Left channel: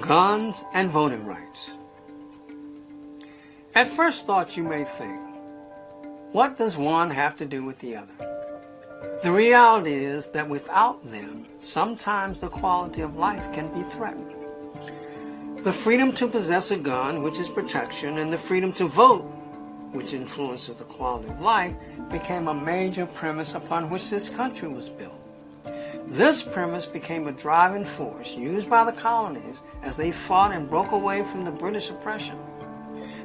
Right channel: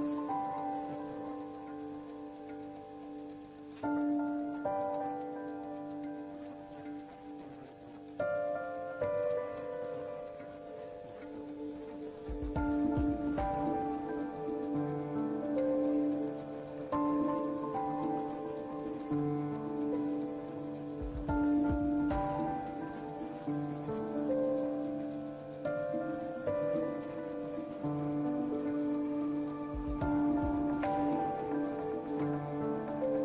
Guns and voting rights. At first thought, you may think, what does one have to do with the other? The reality is that without them, sometimes the quality of life can be threatened. The freedom to possess a gun, which is protection, and the freedom to vote, which influences the quality of life, became a major premise upon which this country was built. This premise became a driving force used by the colonies as they fought and broke away from the British oppression.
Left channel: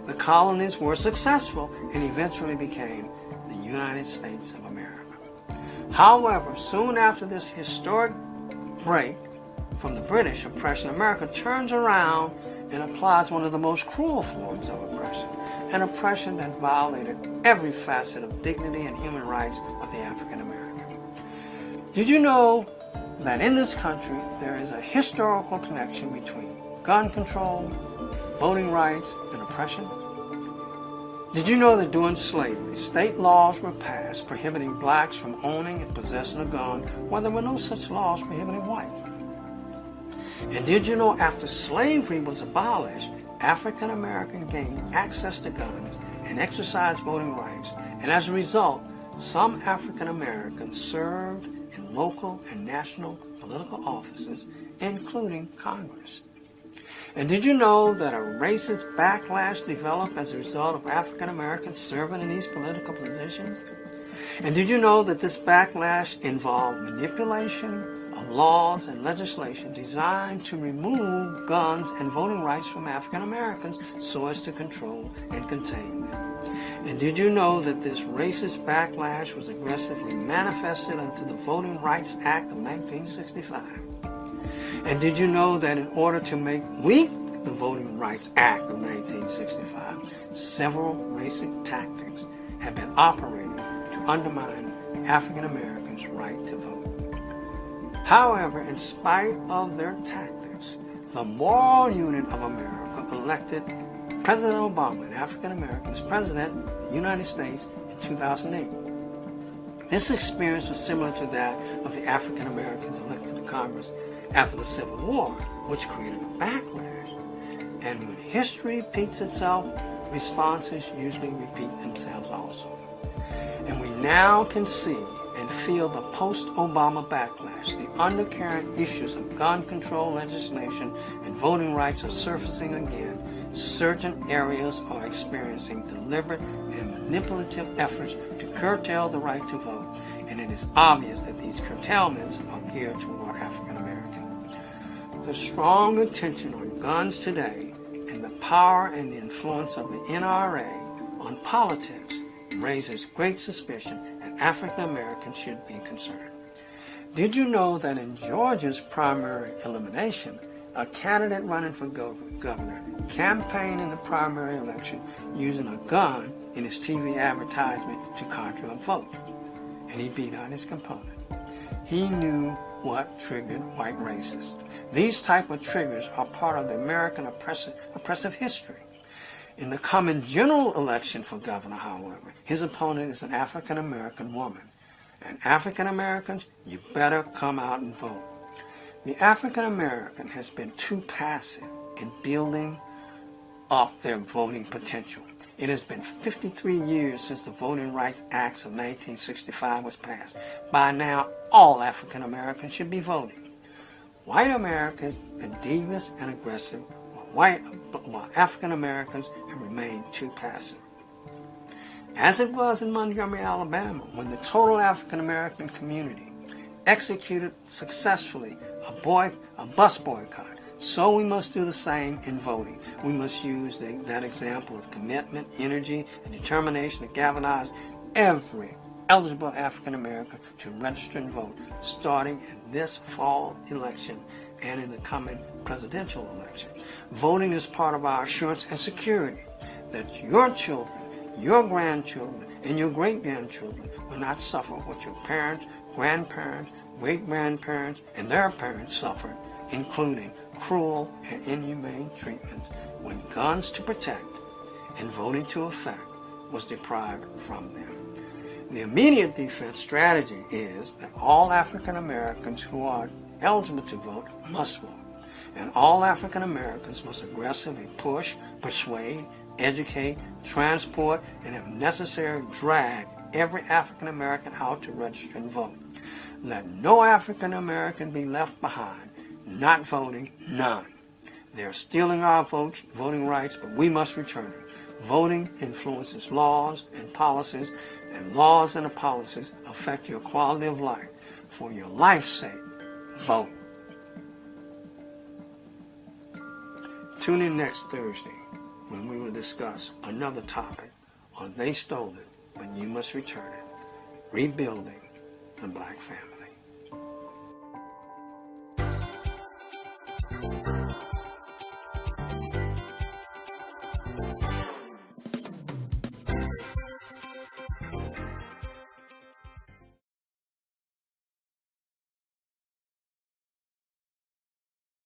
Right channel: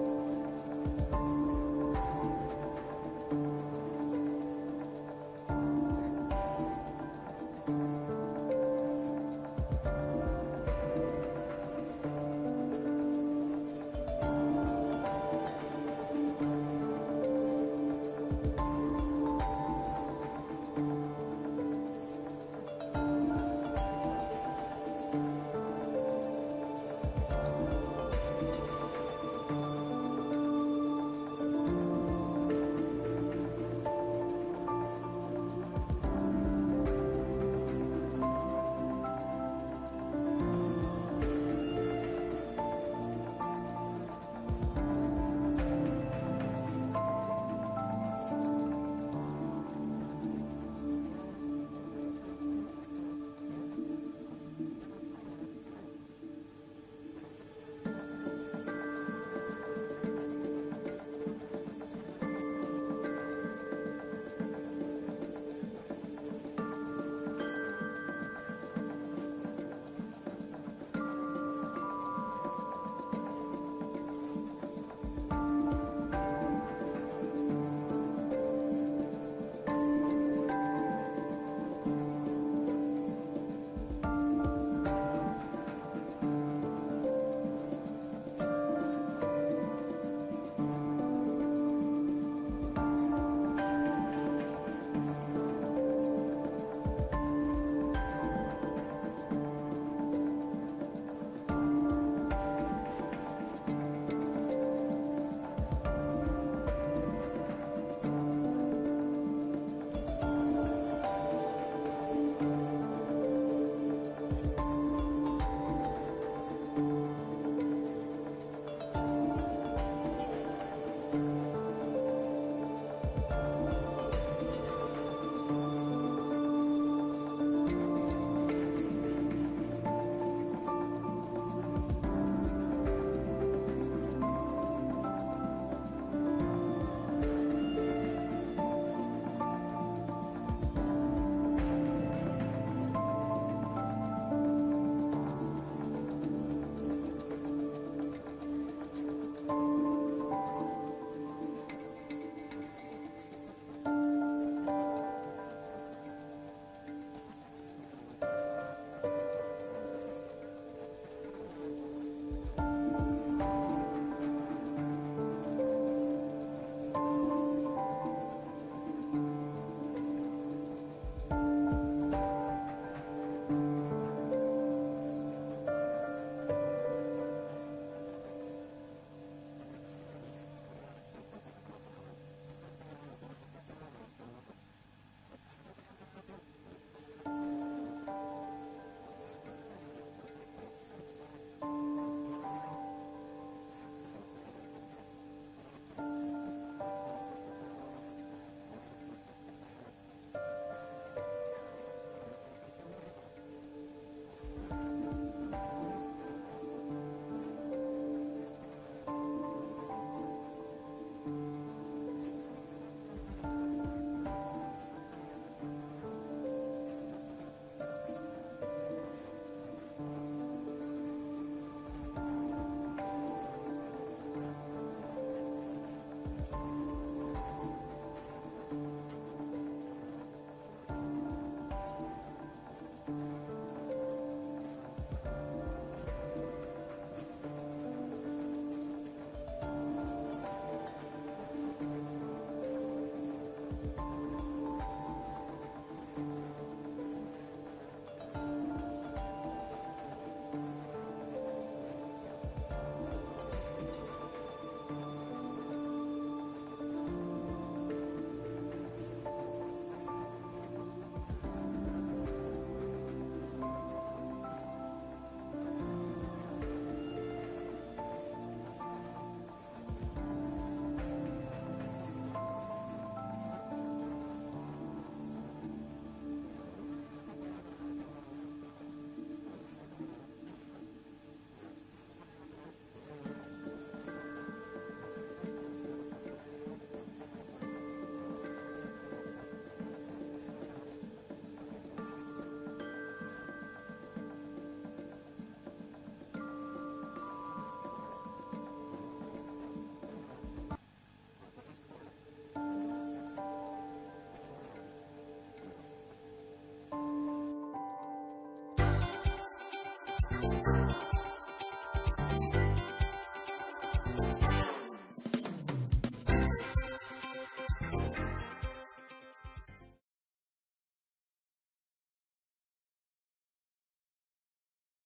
The colonies were successful and eventually became the United States of America. However, soon after this historic break from the British oppression, America turns around and applies one of the most cruel forms of oppression, an oppression that violated every facet of dignity and human rights of the African American. Did you know that in this country there is a historical connection between gun control, voting rights, and oppression? Did you know that during slavery, state laws were passed prohibiting blacks from owning and possessing a gun while there were no such laws prohibiting whites? And did you know after slavery was abolished, African Americans gained access to guns and exercised voting rights, and as a result, some African Americans served in local and national political offices, including Congress. And did you know that a racist backlash developed as a result of African Americans serving in these political positions? And did you know that this backlash involved manipulation of laws and legislation designed to remove guns and voting rights from African Americans so as to control and contain them? And did you know that this racist backlash was aggressively manifested into the Voting Rights Act of 1965? And did you know that in order to make weak the Voting Rights Act of 1965, several racist tactics have been operated to undermine African Americans' right to vote? However, in spite of their tactics, the moral unit of America elected President Obama, an African American, as President of the United States in 2008. This experience was similar to that of the African Americans elected to Congress after the Civil War, which created a backlash. And when history repeats itself, responses usually repeat themselves also. And we now can see and feel the post-Obama backlash. The undercurrent issues of gun control legislation and voting rights are surfacing again. Certain areas are experiencing deliberate and manipulative efforts to curtail the right to vote, and it is obvious that these curtailments are geared toward African Americans. The strong attention on guns today and the power and the influence of the NRA on politics raises great suspicion, and African Americans should be concerned. Did you know that in Georgia's primary elimination, a candidate running for governor campaigned in the primary election using a gun in his TV advertisement to conjure a vote, and he beat out his opponent? He knew what triggered white racists. These type of triggers are part of the American oppressive history. In the coming general election for governor, however, his opponent is an African American woman. And African Americans, you better come out and vote. The African American has been too passive in building up their voting potential. It has been 53 years since the Voting Rights Act of 1965 was passed. By now, all African Americans should be voting. White America has been devious and aggressive, while African Americans have remained too passive. As it was in Montgomery, Alabama, when the total African American community executed successfully a bus boycott, so we must do the same in voting. We must use that example of commitment, energy, and determination to galvanize every eligible African American to register and vote, starting in this fall election and in the coming presidential election. Voting is part of our assurance and security that your children, your grandchildren, and your great-grandchildren will not suffer what your parents, grandparents, great-grandparents, and their parents suffered, including cruel and inhumane treatment when guns to protect and voting to effect was deprived from them. The immediate defense strategy is that all African Americans who are eligible to vote must vote, and all African Americans must aggressively push, persuade, educate, transport, and if necessary, drag every African American out to register and vote. Let no African American be left behind, not voting, none. They are stealing our votes, voting rights, but we must return it. Voting influences laws and policies, and laws and policies affect your quality of life. For your life's sake, vote. Tune in next Thursday when we will discuss another topic on They Stole It, but You Must Return It, Rebuilding the Black Family.